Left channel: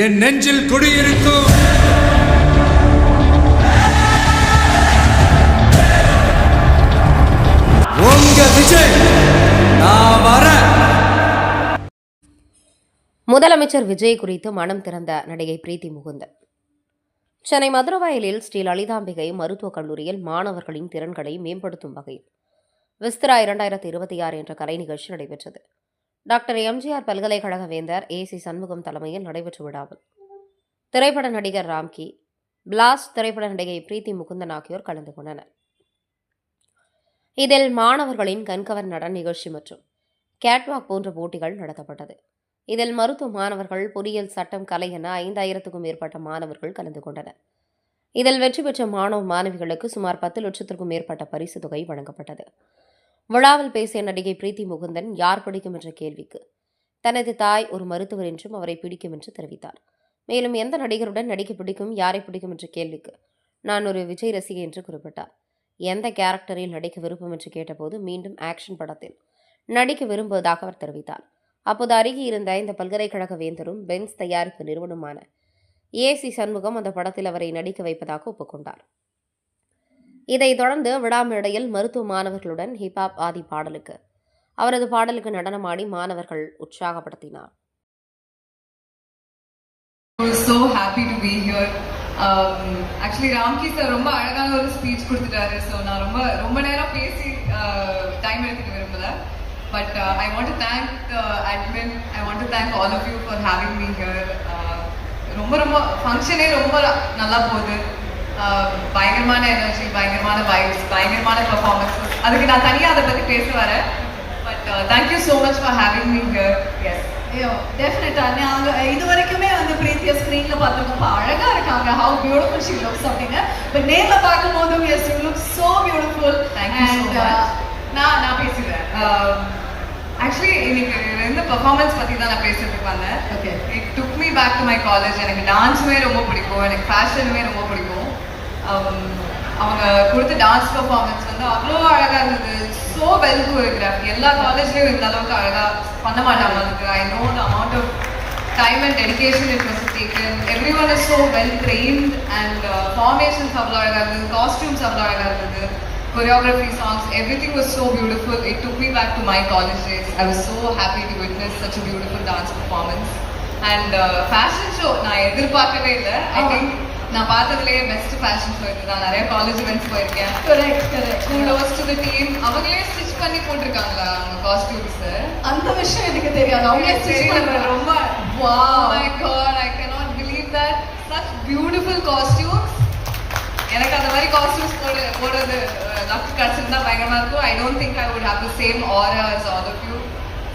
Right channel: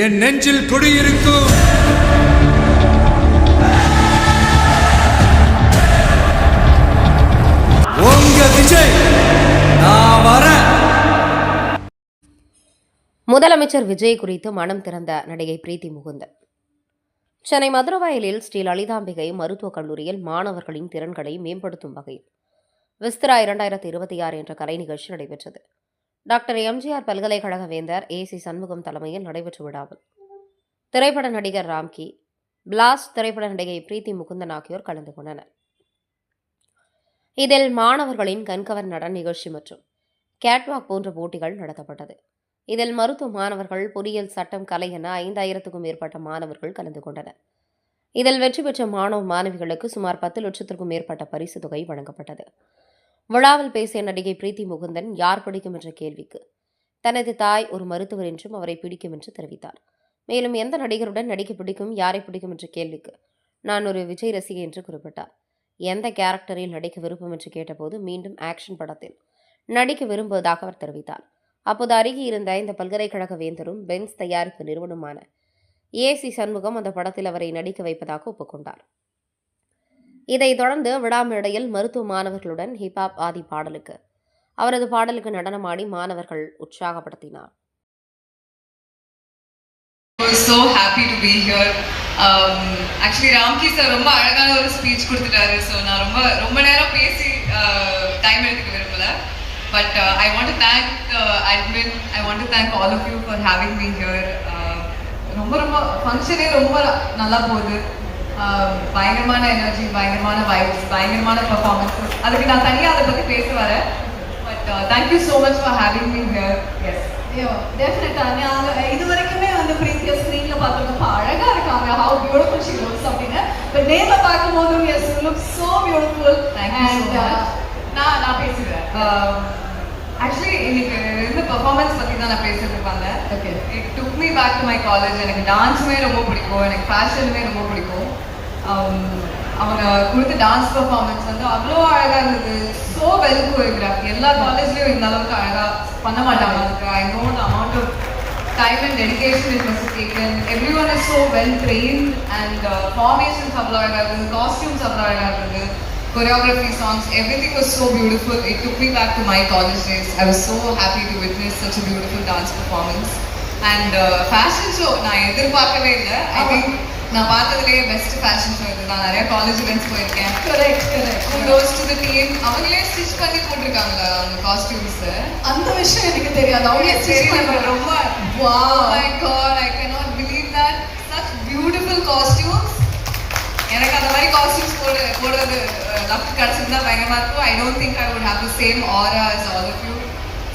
என் நெஞ்சில் குடியிருக்கும் உங்க விஜய் நான் வர. முதலமைச்சர் விஜய் குறித்து மனம் திறந்த நடிகை பிரீத்தி முகுந்தன். சென்னை மதுரவாயலில் ஸ்ரீ லலிதாம்பிகை மருத்துவக் கல்லூரியில் மாணவர்களின் திறன்களை மேம்படுத்தும் வகையில் விஸ்திரா 2026 என்ற கலை நிகழ்ச்சி நடைபெற்றது. டாக்டர் எம்ஜிஆர் பல்கலைக்கழக வேந்தர் ஏசி சண்முகம் தலைமையில் நடைபெற்ற விழாவில் திரைப்பட நடிகர் ராம்கி, பிளாஸ்ட் திரைப்பட நடிகை பிரீத்தி முகுந்தன் ஆகியோர் கலந்து கொண்டனர். இதில் மாணவர்களின் கண்கவர் நடன நிகழ்ச்சி மற்றும் கேட்வாக் போன்ற போட்டிகள் நடத்தப்பட்டது. இதில் மருத்துவ மாணவர்கள், பொறியியல், சட்டம், கலை என 5000க்கும் மேற்பட்ட மாணவர்கள் கலந்து கொண்டனர். இதில் வெற்றி பெற்ற மாணவ மாணவிகளுக்கு சுமார் 10 லட்சத்திற்கும் மேற்பட்ட பரிசு தொகை வழங்கப்பட்டது. விழாவில் பேசிய நடிகை பிரீத்தி முகுந்தன் யார் பிடிக்கும் என்ற கேள்விக்கு தனது தாய் ஒரு மருத்துவர் என்றும் அவரை பிடிக்கும் என்று தெரிவித்தார். மேலும் எந்த நடிகருடன் நடிக்க பிடிக்கும், யாரை பிடிக்கும் என்ற கேள்விக்கு நான் ஒரு விஜய் ரசிகை என்று குறிப்பிட்டார். எந்த கேரக்டரில் நடிக்க விருப்பம் என்று கேட்டபோது மீண்டும் ஆக்ஷன் படத்தில் நடிக்க விரும்புவதாக அவர் தெரிவித்தார். அப்போது அருகே இருந்த இந்த பல்கலைக்கழக வேந்தரும் பென்ஸ் தயாரிப்பு நிறுவனமான ஏசி சண்முகம் அந்த படத்தில் அவரை நடிக்க வைப்பதாக ஒப்புக்கொண்டார். இதைத் தொடர்ந்து விழா மேடையில் மருத்துவ மாணவர்களுடன் ஹிப்ஹாப் ஆதி பாடலுக்கு அவரது பாடலுக்கு நடனமாடி மாணவர்கள் உற்சாகப்படுத்தினார். So happy to be here. Actually Ramki sir ரொம்ப அழகான ஒரு ஸ்பீச் கொடுத்துட்டாரு. ஸோ நான் ரொம்ப நேரம் பேசி டைம் எடுத்துக்க விரும்பல. But I want to thank admin, I want to thank all of you for having me here. ரொம்ப ஃபங்க்ஷனே ரொம்ப நல்லா போகுது. பயங்கரமான எனர்ஜி, பயங்கரமான வைப்ஸ், பயங்கரமான பெர்ஃபார்மன்ஸஸ். அதுக்கு நான் தனியாக அதை பற்றி பேச வரேன். But thank you so much for having me here. Yes டெஃபினட்டா அவங்க இது வரைக்குமே வந்து பிரீத்தியா ஸ்க்ரீன்ல பார்த்தப்ப அழகா இருக்காங்க. ஹவ் பியூட்டிஃபுல் ஷி லுக்ஸ் அப்படின்னு. பட் நேர்ல பார்க்கும்போது yes you look so beautiful. And நான் பேசுறேன். ஆக்சுவலி இன்னைக்கு ரெண்டு பெர்ஃபார்மன்ஸ் பற்றி தான் நான் பேசுறதுக்கு வந்தேன். Okay, it took me back to my college. எனக்கு டான்ஸுமே ரொம்ப பிடிக்கும், எனக்கு ஃபேஷனுமே ரொம்ப பிடிக்கும். அவங்க கொடுத்த டான்ஸ் பெர்ஃபார்மன்ஸ் வந்து அவ்வளோ அழகாக இருந்தது. So well choreography. எல்லா காலேஜ்லேயும் இந்த அளவுக்கு அழகாக பண்ண மாட்டாங்க. அதுக்கு I know the amount of time and dedication it was taken. Everyone is so well trained and formations அவ்வளோ அழகாக இருந்தது, காஸ்டியூம்ஸ் அவ்வளோ அழகாக இருந்தது, choreography, songs, everything was so beautiful. It took me back to my college days. I was so happy to witness such a beautiful dance performance. And fashion show நான் எதிர்பார்க்கவே இல்லை. I think நான் பார்த்ததுலேயே best fashion show இது தான். நிறைய college events போயிருக்கேன். Correct. Kudos to the team. அவங்களே stitch பண்ணி போட்டிருக்காங்களா அந்த காஸ்டியூம்ஸ்? அந்த விஷயம் எனக்கு தெரியாது. அவங்களே தெரியல. ரொம்ப wow, my god, I cannot believe that. Such beautiful costumes. எனக்கு அந்த மாதிரி காஸ்டியூம்ஸ் போடுறது லக் கிடைச்சிருந்தா பயங்கரமா இருக்கும். I don't think I would have the same aura as all of you.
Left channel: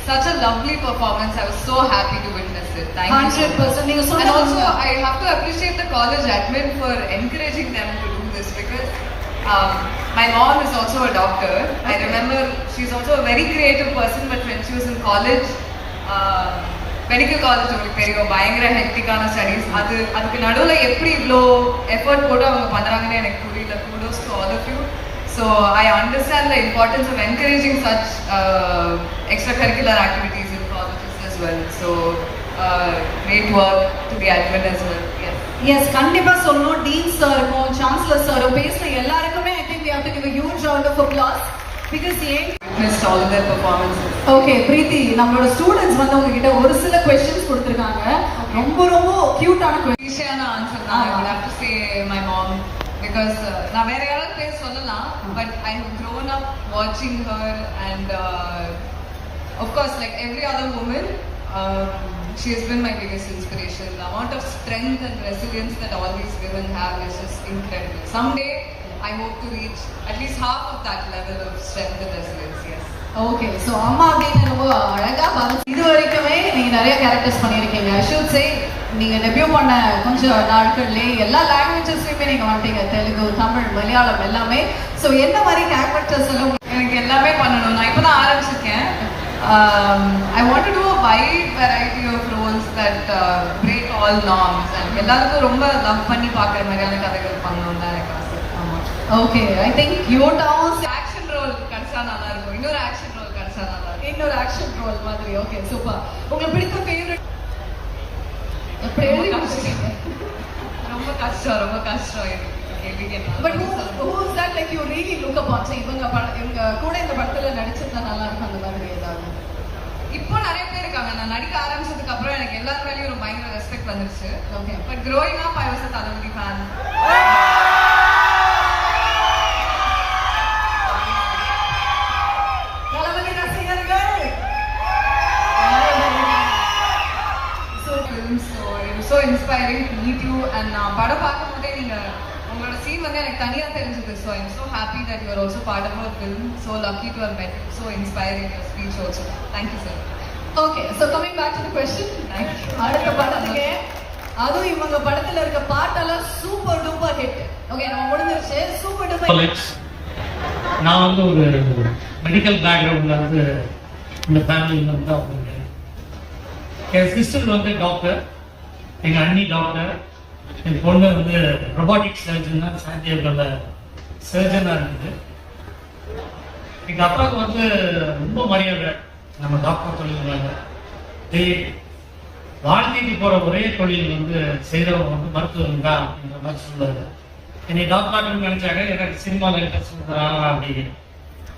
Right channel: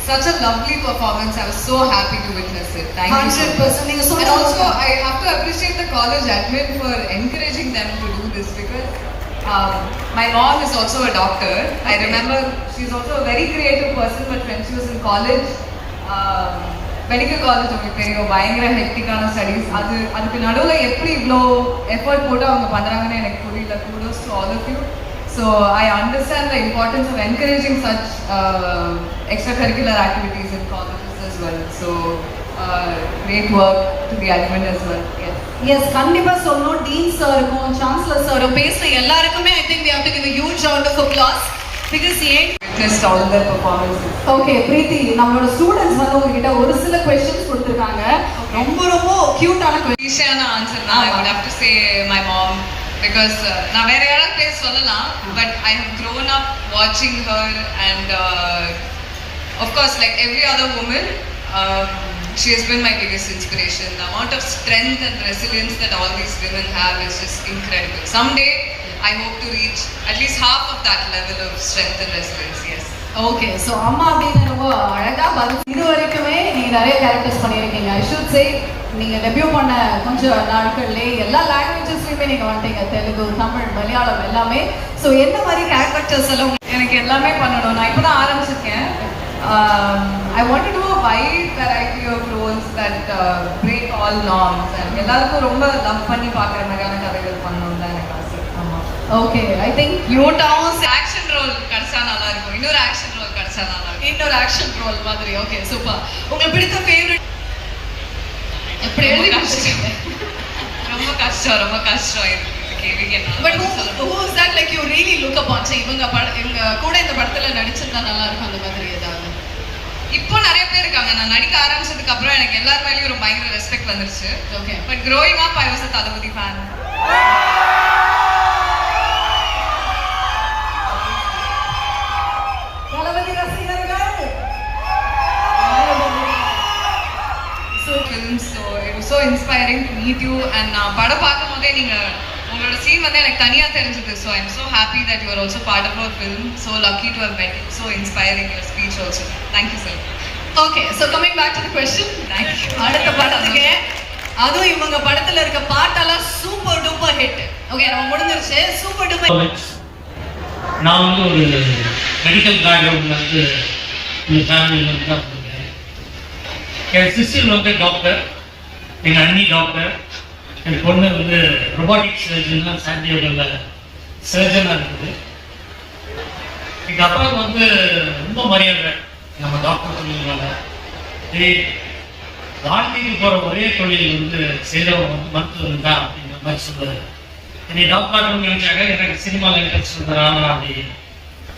Such a lovely performance. I was so happy to witness it. Thank you so much. 100%. And also, I have to appreciate the college admin for encouraging them to do this because my mom is also a doctor. I remember she's also a very creative person, but when she was in college, medical college உங்களுக்கு தெரியும், பயங்கர ஹெக்டிக்கான studies. அதுக்கு நடுவில் எப்படி இவ்வளோ effort போட்டு அவங்க பண்ணுறாங்கன்னு எனக்கு புரியல. kudos to all of you. So I understand the importance of encouraging such extracurricular activities in colleges as well. So great work to the admin as well. Yes, கண்டிப்பா சொல்லணும். டீன் சாருக்கும் சான்சலர் சாரும் பேசுற எல்லாருக்குமே I think we have to give a huge round of applause because witnessed all their performances. Okay Preethi, நம்மளோட students வந்து உங்ககிட்ட ஒரு சில क्वेश्चंस கொடுத்திருக்காங்க. ரொம்ப கியூட்டான ஈஸியான ஆன்சர் தான். I would have to say my mom because நான் வேற யாராவது பேர் சொல்லலாம், but I have grown up watching her and of course like every other woman, she has been my biggest inspiration. The amount of strength and resilience that all these women have is just incredible. Someday I hope to reach at least half of that level of strength and resilience. Yes. Okay, so அம்மா அப்படின்னு ரொம்ப அழகா இது வரைக்குமே நீங்க நிறைய characters பண்ணியிருக்கீங்க. I should say நீங்க டெபியூ பண்ண கொஞ்சம் நாட்கள்லேயே எல்லா லாங்குவேஜஸ்லையுமே நீங்க வந்துட்டீங்க. தெலுங்கு, தமிழ், மலையாளம் எல்லாமே. ஸோ என்ன மாதிரி கேரக்டர்ஸ் எல்லாம் எனக்கு எல்லாமே பண்ணணும். நான் இப்போ தான் ஆரம்பிச்சிருக்கேன். I want to do a wide variety of roles that break all norms. எல்லாருக்கும் ரொம்ப லவ் பண்ணி பார்க்குற மாதிரியான கதைகள் பண்ணணும் தான் எனக்கு ஆசை. ஓகே, ஐ திங்க் யூட்டாவும் ஆக்ஷன் ரோல் கிடைச்சா நல்லா இருக்கும். இன்னொரு ஆக்ஷன் ரோல் கிடைச்சா நல்லா இருக்கும். இன்னொரு ஆக்ஷன் ரோல் மாதிரி. Okay, super. உங்களுக்கு பிடித்த ஃபேவரட் எப்படி எழுதி ரொம்ப முடிச்சிட்டீங்க? ரொம்ப கஷ்டம் இது கேள்வி But கேட்டா. who is that like you really look upon? So இவங்க கூட இந்த படத்துல நடிச்சிருந்தா நல்லா இருக்கும் அந்த மாதிரி ஏதாவது? இப்போ நிறைய பேர் இருக்காங்க. நான் நடிக்க ஆரம்பிச்சதுக்கு அப்புறம் எனக்கு எல்லார் மேலேயும் ஒரு பயங்கர ரெஸ்பெக்ட் வந்துருச்சு. Okay. But growing up I was a Thalapathy fan. தளபதி ரசிகர்கள். So it was so inspiring to meet you and நான் படம் பார்க்கும்போதே நீங்க உங்களோட சீன் வந்து எனக்கு தனியா தெரிஞ்சது. So I'm so happy that you are also part of our film. So lucky to have met you. So inspiring your speech also. Thank you sir. Okay, so coming back to the question. Thank you. அடுத்த படத்துக்கு அதுவும் இவங்க படத்துல இருக்க பாட்டெல்லாம் super duper hit. Okay, நம்ம முடிஞ்சிருச்சு. Super duper. நான் வந்து ஒரு மெடிக்கல் பேக்ரவுண்டில் வந்து இந்த ஃபேமிலியில் வந்து தான் இருக்கேன். என் சிஸ்டர் வந்து டாக்டர், எங்கள் அண்ணி டாக்டர், என் பொண்ணு வந்து ரொபாட்டிக் சர்ஜனாக சாண்டியோவில் சர்ஜனாக இருக்குது. எங்கள் அப்பாவுக்கு வந்து ரொம்ப மரியாதை நம்ம டாக்டர் தொழில்னால. வாழ்க்கைக்கு போகிற ஒரே தொழில் வந்து செய்தவங்க வந்து மருத்துவம் தான் அப்படிங்கிற மாதிரி சொல்லுவார். என்னை டாக்டர்னு நினைச்சாங்க. எனக்கு சினிமாவில் இன்ட்ரெஸ்ட் இருந்ததுனால அப்படி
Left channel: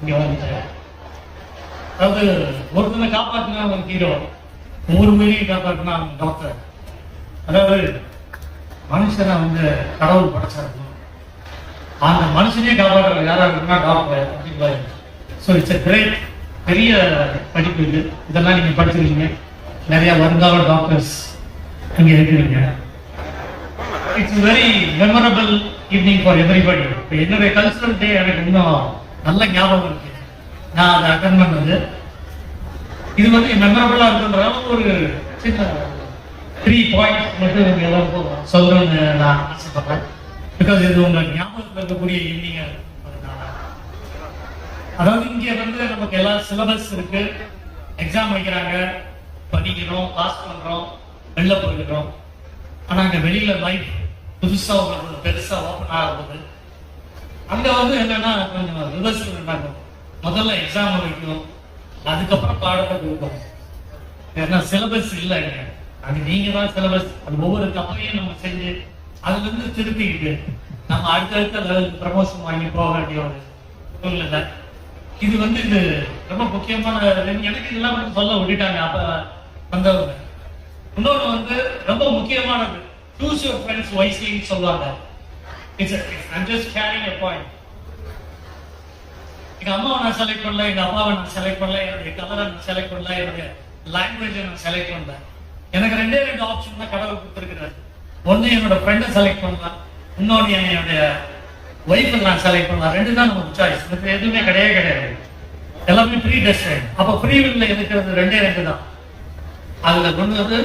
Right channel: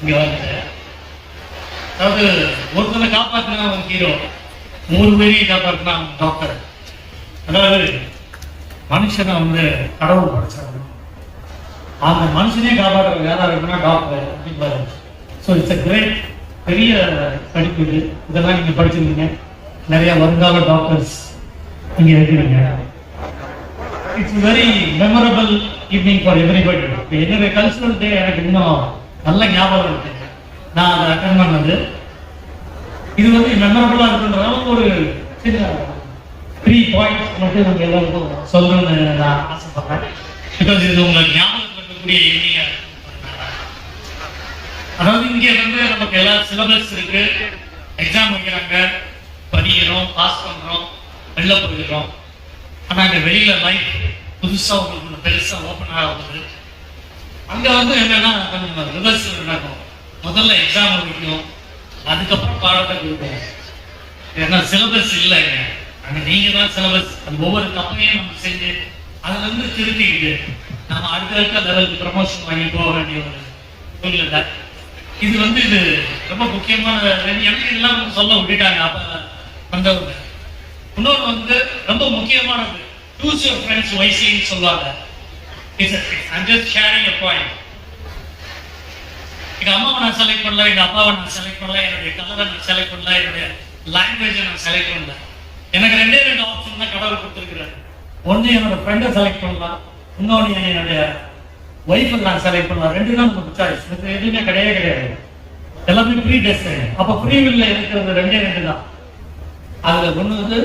இங்கே வந்துட்டேன். அதாவது ஒருத்தனை காப்பாற்றினா அவன் ஹீரோ, 100 பேரையும் காப்பாற்றினா அவன் டாக்டர். அதாவது மனுஷனை வந்து கடவுள் படைச்சாரு, அந்த மனுஷனே காப்பாற்ற யாராவது இருக்குன்னா டாக்டர் அப்படின்னு. ஸோ இட்ஸ் அ கிரேட், பெரிய படிப்பு இது. இதெல்லாம் நீங்கள் படிச்சிருக்கீங்க. நிறைய வருங்கால டாக்டர்ஸ் இங்கே இருக்கிறீங்க. It's very memorable evening for everybody. இப்போ என்னுடைய கல்ச்சுரல் டே எனக்கு இன்னும் நல்ல ஞாபகம் இருக்கு. நான் அதை அட்டன் பண்ணது. இது வந்து மெமரபிளாக இருக்குன்றதால ஒரு சின்ன 3 பாயிண்ட்ஸ் மட்டும் நம்ம எல்லாருக்கும் சொல்லணும்னு நான் ஆசைப்படுறேன். பிகாஸ் இது உங்களுக்கு ஞாபகத்தில் இருக்கக்கூடிய ஈவினிங்காக இருக்கு. அதாவது இங்கே வந்து நமக்கு எல்லா சிலபஸ் இருக்கு, எக்ஸாம் வைக்கிறாங்க, படிக்கிறோம், பாஸ் பண்ணுறோம், வெளில போயிடுறோம். ஆனால் இந்த வெளியில லைஃப் புதுசாக உங்களுக்கு பெருசாக ஓப்பன் ஆகுது. அங்கே வந்து என்னன்னா நம்ம ரிவர்சல் நடக்கும். முதல்ல எக்ஸாம் வைக்கணும், அதுக்கப்புறம் பாடத்தை கொடுக்கணும். ஏன்னா சிலபஸ் இல்லைங்க, அது நீங்கள் தான் சிலபஸ். அது ஒவ்வொரு தப்பையும் நம்ம செஞ்சு அதுலேருந்து திருத்திக்கிட்டு நம்ம அடுத்த லெவலுக்கு ப்ரமோஷன் வாங்கி போக வேண்டிய ஒரு இல்லை. இது வந்து இது ரொம்ப முக்கியமான எனக்கு எல்லாம் வந்து சொல்ல விட்டுட்டாங்க அப்போ வந்தவங்க. இன்னொன்று வந்து ரொம்ப முக்கியமானது, choose your friends wisely சொல்லுவாங்க. I'm just sharing a point. எங்கள் அம்மாவை நான் செலக்ட் பண்ணல, எங்கள் அப்பாவை நான் செலக்ட் பண்ணல, என்னுடைய கலரை நான் செலக்ட் பண்ணல, என்னுடைய லாங்குவேஜை நான் செலக்ட் பண்ணல. எனக்கு 2 ஆப்ஷன் தான் கடவுள் கொடுத்துருக்குறாரு. ஒன்று என்னோட ஃப்ரெண்டை செலக்ட் பண்ணலாம், இன்னொன்று என்னுடைய ஒய்ஃபை நான் செலக்ட் பண்ணலாம். 2 தான் நமக்கு சாய்ஸ். இது எதுவுமே கிடையாது. எல்லாமே ப்ரீ டெஸ்டைன். அப்போ ஃப்ரீ வில்ல இருக்கிறது 2 தான். அதில் கொண்டு வந்து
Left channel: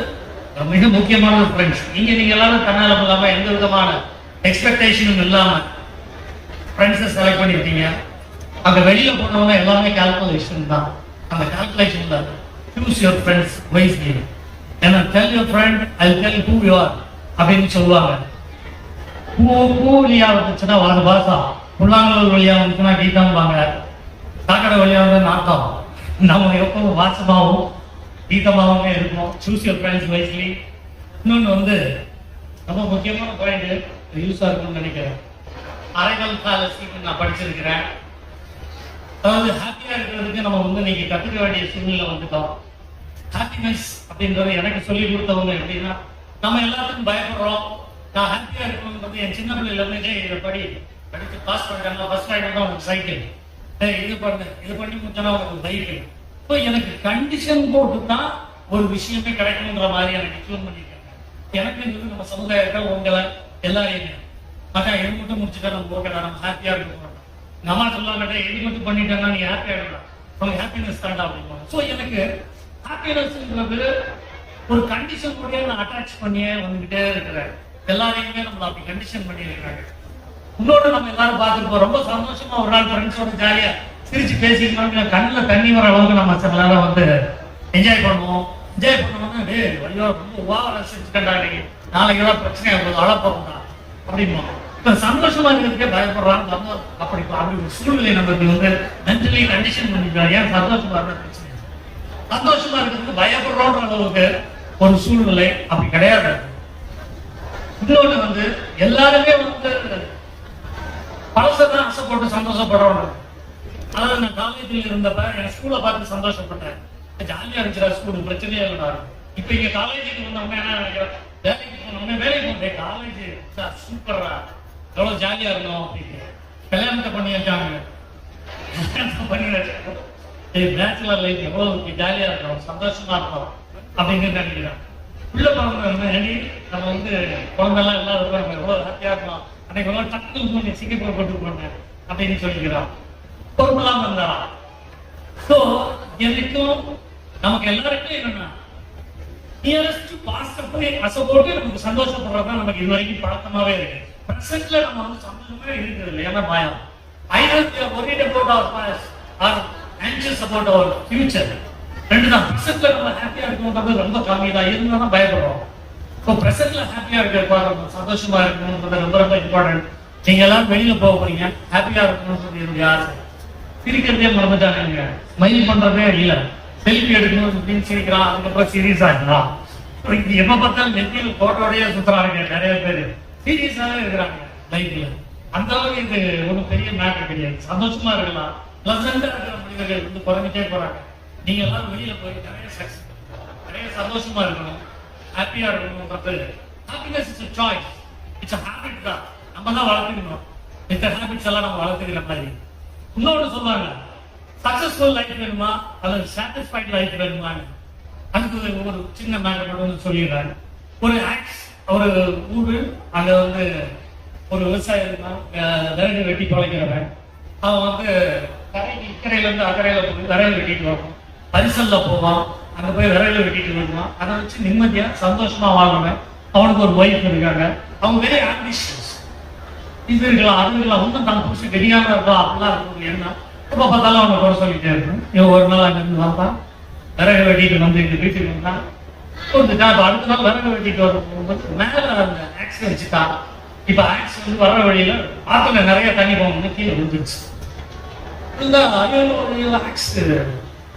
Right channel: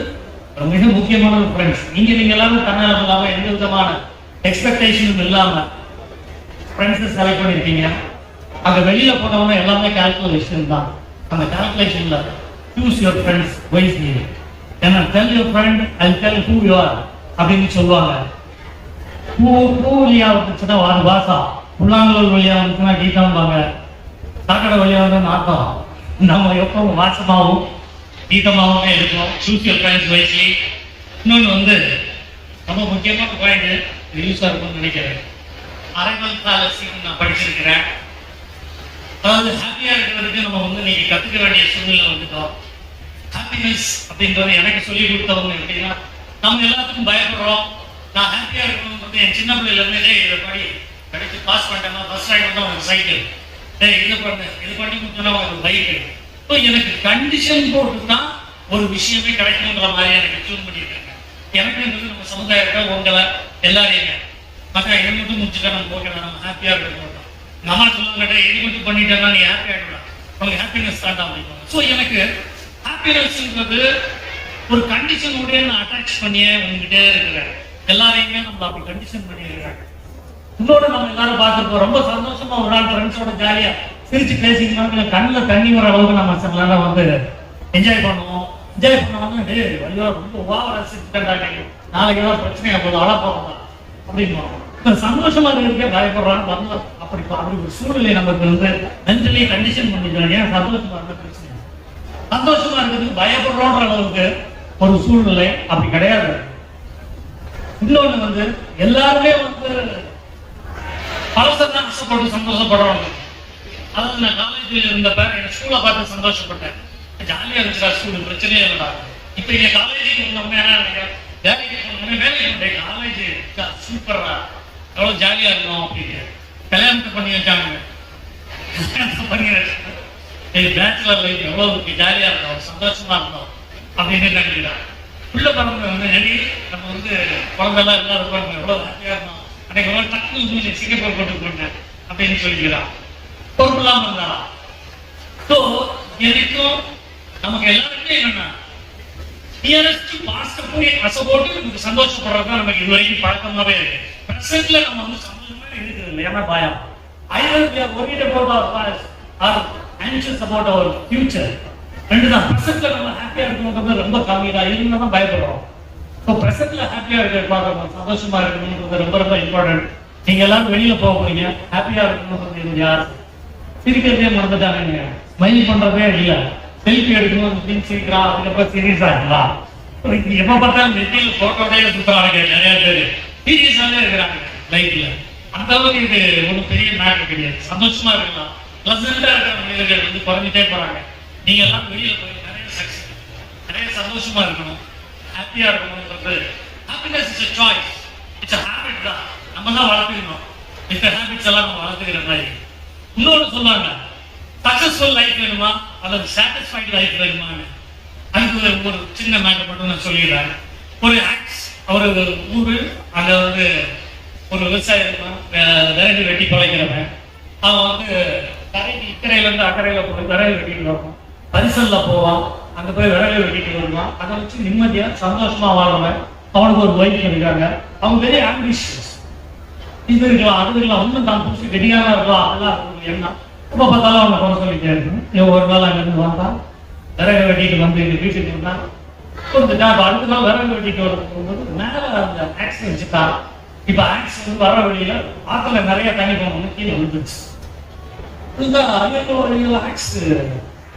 மிக முக்கியமான ஃப்ரெண்ட்ஸ். இங்கே நீங்கள் எல்லாரும் தன்னால இல்லாமல் எந்த விதமான எக்ஸ்பெக்டேஷனும் இல்லாமல் ஃப்ரெண்ட்ஸை செலக்ட் பண்ணியிருக்கீங்க. அங்கே வெளியில் போனவங்க எல்லாமே கால்குலேஷன் தான். அந்த கால்குலேஷனில் சூஸ் யுவர் ஃப்ரெண்ட்ஸ் வைஸ்லி. ஏன்னா tell your friend, I tell who you are அப்படின்னு சொல்லுவாங்க. பூ வழியாக வந்துச்சுன்னா வார பாசா, புல்லாங்கல் வழியாக வந்துச்சுன்னா கீதம்பாங்க, சாக்கடை வழியாக வந்து நாட்டம். நம்ம எப்பவும் வாசமாகவும் கீதமாகவே இருக்கணும். Choose your friends wisely. இன்னொன்று வந்து ரொம்ப முக்கியமான பாயிண்ட், யூஸாக இருக்கும்னு நினைக்கிறேன். அரைமல் காலசிக்கு நான் படிச்சிருக்கிறேன். அதாவது ஹாப்பியாக இருக்கிறதுக்கு நம்ம வந்து நீங்கள் கற்றுக்க வேண்டிய சூழ்நிலை வந்துட்டோம். ஹாப்பினஸ் அப்படின்றது எனக்கு சொல்லிக் கொடுத்தவங்க எப்படின்னா, நம்ம எல்லாத்துக்கும் பயப்படுறோம். நான் ஹாப்பியாக இருக்கணும் வந்து என் சின்ன பிள்ளைலேருந்து இதை படித்து பாஸ் பண்ணிட்டேன்னா ஃபர்ஸ்ட் ரேங்க் தான் உனக்கு சைக்கிள், இது பண்ணி கொடுத்தனா உனக்கு பைக்கு. ஸோ எனக்கு கண்டிஷன் போட்டு தான் ஒரு விஷயமே கிடைக்கணுங்கிற மாதிரி எனக்கு டியூன் பண்ணியிருக்காங்க. எனக்குன்றது நம்ம சமுதாயத்தில் உங்களை எல்லாரையுமே மற்ற இது மட்டும் முடிச்சுட்டா நம்ம போகலாம், நம்ம ஹாப்பியாக இருக்கணும். நம்ம சொல்லுவாங்க இது மட்டும் பண்ணிட்டேன்னா நீ ஹாப்பியாக இருக்கலாம், அவங்க ஹாப்பினஸ் தாண்டா அப்படின்வாங்க. ஸோ எனக்கு ஹாப்பினஸ்ன்றது ஒரு கண்டிஷனோட நான் அட்டாச் பண்ணியே வந்துகிட்டே இருக்கிறேன். எல்லாரையுமே நம்ம அப்படி கண்டிஷன் பண்ணியிருக்கிறாங்க. இன்னொன்று நம்ம எல்லாரும் பார்த்துருப்போம், ரொம்ப சந்தோஷமா ஒரு நாள் ஃப்ரெண்ட்ஸோட ஜாலியா சிரிச்சு பேசிக்கணும், கண்ணில் தண்ணி வர அளவுக்கு நம்ம சில நேரம் வந்து என்ஜாய் பண்ணுவோம். என்ஜாய் பண்ணுவோம்னா ஐயோ ரொம்ப ஓவரா சிரிச்சுட்டாங்க, நாளைக்கு ஏதாவது பிரச்சனையா போதும் அழ போகணும் அப்படின்னு சந்தோஷமா இருக்கிறதுக்கே பயப்படுறான்னு பண்ணோம். அப்படி ஒரு சூழ்நிலை நமக்கு வந்து மென்டலி கண்டிஷன் பண்ணிக்கலாம். ஏன் சந்தோஷமா இருந்தா பிரச்சனை, சந்தோஷமா இருக்கிறதுக்கு பயப்படுறோன்ற அளவுக்கு ஒரு சூழ்நிலை அப்படி கிடையாது. இன்னொன்று வந்து எல்லாருமே வந்து பழசதான் ஆசைப்பட்டு சந்தோஷப்படுறவங்க. அதாவது நான் காலேஜில் இருந்தப்ப என் ஸ்கூலை பார்த்து சந்தோஷப்பட்டேன். ஜாலியாக இருந்துச்சுடா ஸ்கூல், பிரச்சனையே இல்லைடா. இப்போ இங்கே காலேஜுக்கு இருந்தவங்க என்ன வேலைக்கு போனவங்க வேலைக்கு போட்டேன். காலேஜ் சூப்பரா எவ்வளோ ஜாலியாக இருந்தோம் அப்படின்னு கல்யாணத்தை பண்ணி வச்சாங்க. பண்ணி வச்சாங்க பேச்சுலர் லைஃப் எவ்வளோ ஜாலியாக இருக்கும், சந்தோஷமா இருக்கும் அப்படின்னு நினைக்கிறேன். உள்ள பிறந்தவங்க நம்ம வந்து குழந்தைலாம் எல்லாம் இருப்பாங்க, எவ்வளோ ஹாப்பியாக இருக்கும். அன்னைக்கு எவ்வளோ டக்கு சிங்கப்பூர் போட்டு போனேன் அப்படின்னு சொல்லிக்கிறான். பொறுப்பெல்லாம் இருந்தா. ஸோ எனக்கும் நமக்கு எல்லாருக்கும் என்னன்னா நியரஸ்ட் பாஸ்ட போய் அசை போட்டு நமக்கு சந்தோஷப்படுறதுதான் நமக்கு இது வரைக்கும் பழக்கமாவே இருக்கு. பிரசன்ட்ல நம்ம வந்து சந்தோஷமா இருக்குது இல்லை, ஏன்னா பயம். either we are worried about our past or anxious about our future. ரெண்டு தான். பிரசன்ட்ல நம்ம ஹாப்பியா இருக்கணுங்கிறது ரொம்ப கம்மி தான், இருந்தா தான் பயப்படுறோம். ஸோ பிரசன்ட்ல ஹாப்பியா இருக்கிற சந்தோஷமா இருக்கணுங்கிறது ரொம்ப ரொம்ப இம்பார்ட்டன்ட். நீங்க எல்லாரும் வெளியில போக போறீங்க, ஹாப்பியா இருக்கணும்னு யார் சிரிக்கிறதே மறந்துட்டானுங்க, ஸ்மைல் பண்றதே இல்லை. செல்ஃபி எடுக்கணும் அப்படின்னு சிரிக்கிறான், அதுக்கப்புறம் சீரியஸா இருந்தா எப்ப பார்த்தாலும் நெத்தியில் போட்டோடே சுத்துறாங்க நிறைய பேர். சீரியஸாவே இருக்கிறாங்க லைஃப்ல. அந்த அளவுக்கு இது ஒன்றும் பெரிய மேட்டர் கிடையாது. சந்தோஷமா இருக்கலாம், பிளசண்டா இருக்கிற மனிதர்கள் வந்து குறைஞ்சிட்டே போறாங்க. நீங்க எல்லாம் வெளியில போய் நிறைய சக்சஸ், நிறைய சந்தோஷமா இருக்கணும், ஹாப்பியா இருக்கணும்ன்றது. Happiness is a choice, it's a habit தான். நம்ம தான் வளர்த்துக்கணும். இந்த ஹேபிட்ஸ் எல்லாம் நம்ம வளர்த்துக்கிற மாதிரி. இன்னொன்று சொல்லுவாங்க, சக்சஸ்ஃபுல் லைஃப் வேணுமா அல்லது சாட்டிஸ்ஃபைட் லைஃப் வேணுமான்னு. அதுக்கு ஒரு சின்ன மேட்டர் மட்டும் நான் சொல்லிடுறேன். ஒரு ஒரு ஊரு, அங்க வந்து ஒரு விவசாயம் விறகு வெட்டி பழைக்கிறவன். அவன் வந்து கரைக்கு இக்கரையில இருந்து அக்கறையில போய் விறகு வெட்டிட்டு வரணும். பரிசல்ல போவான், அங்க போய் விறகு வெட்டிட்டு வருவான். அதை வச்சு நிம்மதியா சந்தோஷமா வாழ்றவன். அவனுக்கு ஒரு ஒய்ஃப் இருக்காங்க. அவங்க வெரி ஆம்பிஷியஸ். இது இருக்கலாம், அது இருக்கலாம், ஒன்றும் தான் புதுசு கெடியாக இருக்கலாம், அப்படிலாம் இருக்கும். ஏன்னா எப்போ பார்த்தாலும் அவங்க குறை சொல்லிட்டே இருக்கணும். ஒரு நாள் அங்கிருந்து வந்தான், விறகு வெட்டிட்டு வந்து எங்க வீட்டுக்கு இருந்தான். வந்துட்டான். இப்போ அடுத்த நாள் விறகு வெட்டிட்டு வரும்போது மேலே அந்த ஆக்ஸ் வச்சுட்டான். இப்போ ஆக்ஸ் வந்து வர வழியில ஆற்றுல நிறைய தண்ணி போகணும்னு கீழே விழுந்துருச்சு. ஆக்ஸ்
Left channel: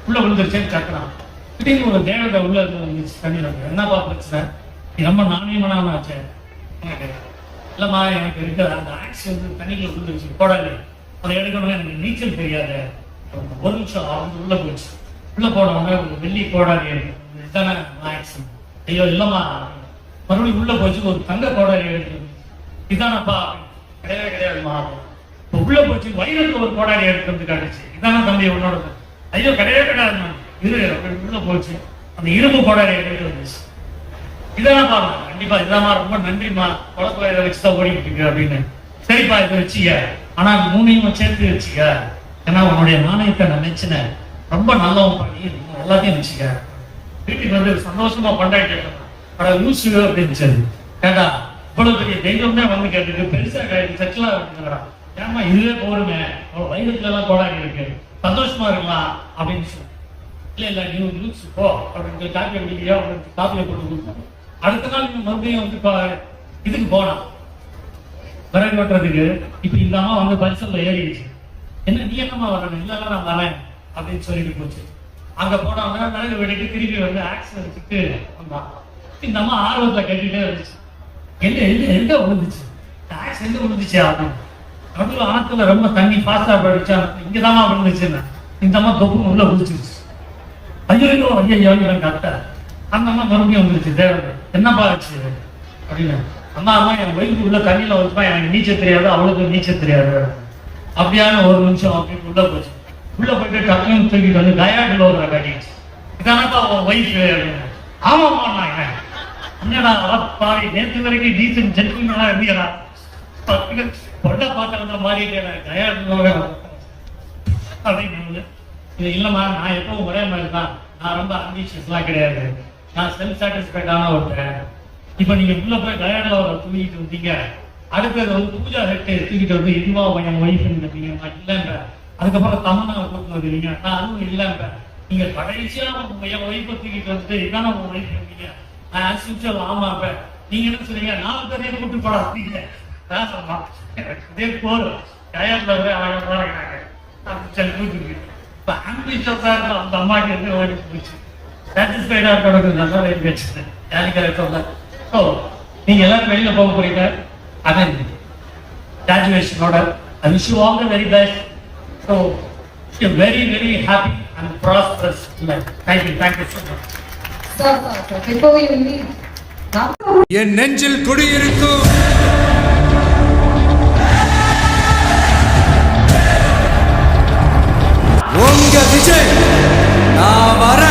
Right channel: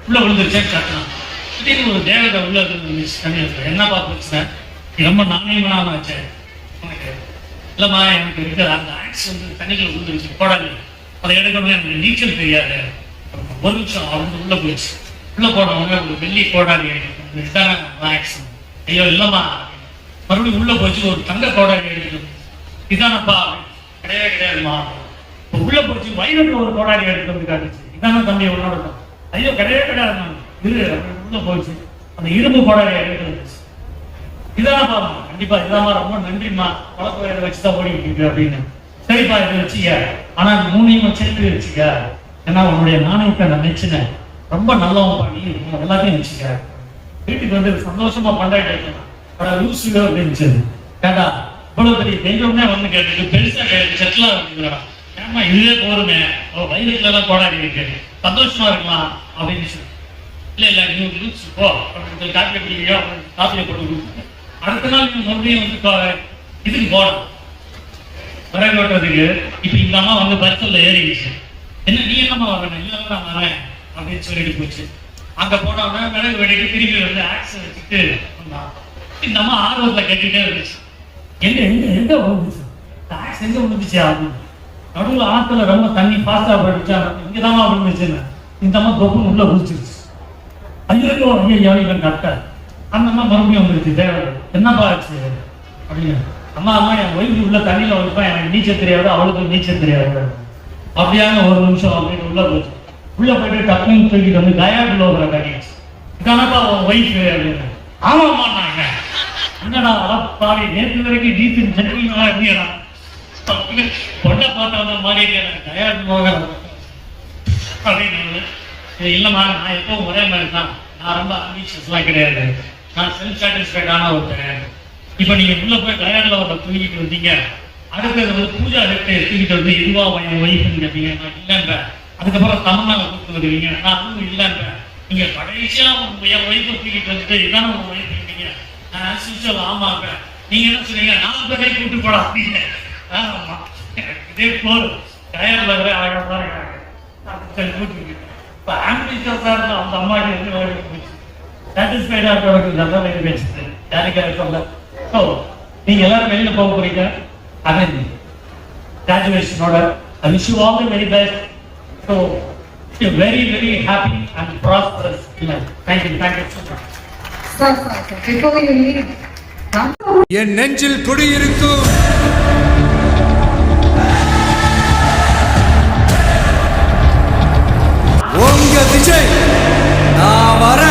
உள்ள விழுந்துருச்சேன்னு கட்டணும். திடீர்னு ஒரு தேவதை உள்ள இருந்துச்சு தண்ணி. என்னப்பா பிரச்சனை, ரொம்ப நாணயமான ஆச்சு உனக்கு? இல்லைம்மா, எனக்கு இருக்க அந்த ஆக்ஸ் வந்து தண்ணிக்குள்ள விழுந்துருச்சு, போடாது, அதை எடுக்கணும், எனக்கு நீச்சல் தெரியாது. ஒரு நிமிஷம் வந்து உள்ள போயிடுச்சு. உள்ள போனவங்க வெள்ளி கோடாரி இதுதானே ஆக்ஸ். ஐயோ இல்லைம்மா, மறுபடியும் உள்ள போச்சு, ஒரு தங்க கோடாரி எடுக்கணும், இதானப்பா? கிடையவே கிடையாதுமா. இப்போ உள்ள போச்சு, வைரத்தில் ஒரு கோடாரி எடுத்து வந்து காட்டுச்சு, இதானே தம்பி உன்னோட? ஐயோ கிடையவே கிடையாது, இரு அப்படின்னு உள்ள போச்சு, அந்த இரும்பு கோடாரி எடுத்து வந்துச்சு. இதான் பாருங்க, கண்டிப்பா இதான், ரொம்ப நன்றிம்மா, குழப்ப இதை வச்சுதான் ஓடிக்கிட்டு இருக்கு அப்படின்னு. சரிப்பா இதை வச்சுக்க, ஆனா மூணையும் சேர்த்து வச்சுக்க, ஏன்னா உன்னுடைய நாணயத்தை நான் வச்சுனேன், ரொம்ப நல்லவன் பண்ணி எல்லாத்தையும் வச்சுக்க. வீட்டுக்கு வந்து சந்தோஷமா கொண்டாடிட்டு லூசு அப்படின்னு கேட்டா, இவ்வளவு பெரிய தெய்வமே வந்து கேட்டு பெருசா செட்டிலா இருக்குங்களா, ஏன்னா இதுவே போருமே, வயதுல எல்லாம் கொண்டாடி இருக்கு, சந்தோஷமா இருக்கலாம் அப்படின்னு சொல்லி. இல்ல நீ லூசு போ, காப்பியை பிடிக்கலையோ காப்பியை போட்டு கொடுத்தாங்க. அடுத்த நாள் நீங்க மறுபடியும் வந்து இதுக்கு போனோம் விறகு வெட்டுறதுக்கு. இப்ப இந்த அம்மா வந்து பரிசல்ல ஏறிடுச்சு. என்ன நீ என்னம்மா வரணும்? இல்லதான் நான் வரேன் அப்படின்னு சொல்லிட்டு போச்சு. அங்க போனவங்க விறகு வெட்டிட்டு திரும்பி வந்து ஆக்ஸ் வச்சுட்டு வந்தான். இந்த அம்மா ஆர்வத்துல கட்டிட்டே இருந்துச்சு. எங்க எங்க எங்க விழுந்துச்சு ஆக்ஸ், எங்க விழுந்துச்சு அப்படின்னு. நடுவில் ஆத்துல ரொம்ப தண்ணி பாஸ்டா போயிடுச்சா, இங்கதான் விழுந்துச்சுன்னு இந்த அம்மா தொப்புன்னு உள்ள குதிச்சிருச்சு. ஐயோ ஐயோ இவன் கட்ட. அந்த அம்மா மறுபடியும் வந்துருச்சு தேவை, என்னப்பா ஆச்சு அப்படின்னு. அம்மா அம்மா என் வயிறு உள்ள தண்ணியில வைப்பேன், எனக்கு நீச்சல் தெரியாது, அவளுக்கு நீச்சல் தெரியாது. அப்படியான ஒரு நிமிஷம் அப்படின்னு உள்ள போச்சு. உள்ள போயிட்டு டக்குன்னு தூக்கிட்டு வந்து கயாட்டுல ஒரு கட்டிடுச்சு. இதானப்பா உன் ஒய்ஃப் அப்படின்னு. ஆமாம்மா நாங்க என்னடா அவத்தாரி நேற்று வரைக்கும் டீசன் ஜென்டில்மேனா இருந்தீங்களா, பொண்ணை பார்த்தா மாறிட்டே கயாட்டு அப்படின்னு. இல்லைம்மா, நான் எப்பவும் ஒரே மாதிரி தான், நான் ரொம்ப அம்பிஷியஸ்லாம் கிடையாது, நான் செல்ஃப் சாட்டிஸ்ஃபைடான ஒருத்தர். இப்போ நீங்க உள்ள போய் டயர்டில் ஒரு தூக்கிட்டு வந்தீங்க, அடுத்தது வந்து பூஜா ஹெட்டு தூக்கிட்டு வந்து இதுவா என் ஒய்ஃப்னு கேட்டீங்க, நான் இல்லைன்றேன். அதுக்கப்புறம் தமிழ்நாடு கூப்பிட்டு வருவீங்க, நான் அதுவும் இல்லைன்றேன். நீங்க கடைசியா என் ஒய்ஃபை தூக்கிட்டு வந்துட்டு இதான உங்க ஒய்ஃப் இருந்தீங்க, நான் அசிஸ்டல் ஆமாப்ப. நீங்க என்ன சொல்றீங்க, 4 பேரை கூப்பிட்டு போடா அப்படின்னு. இதே போர் டயர்டில் வர ஆகிட்டு கூப்பிட்டு இப்போ ஆம்பிஷியஸா இருந்த அந்த அம்மாக்கு இருந்து ஓடி போச்சு. சாட்டிஸ்ஃபைடா இருக்கிறவங்க நல்லா வச்சு ஜாலிக்காக சொல்ல. ஸோ நீங்க எல்லாரும் வெளியில போக போறீங்க. I mean, graduation-ஓட I wish you all the very best. So, a very, very happy and prosperous life. Thank you so much. Sir, before you leave, என் நெஞ்சில் குடியிருக்கும் உங்க விஜய் நான் வர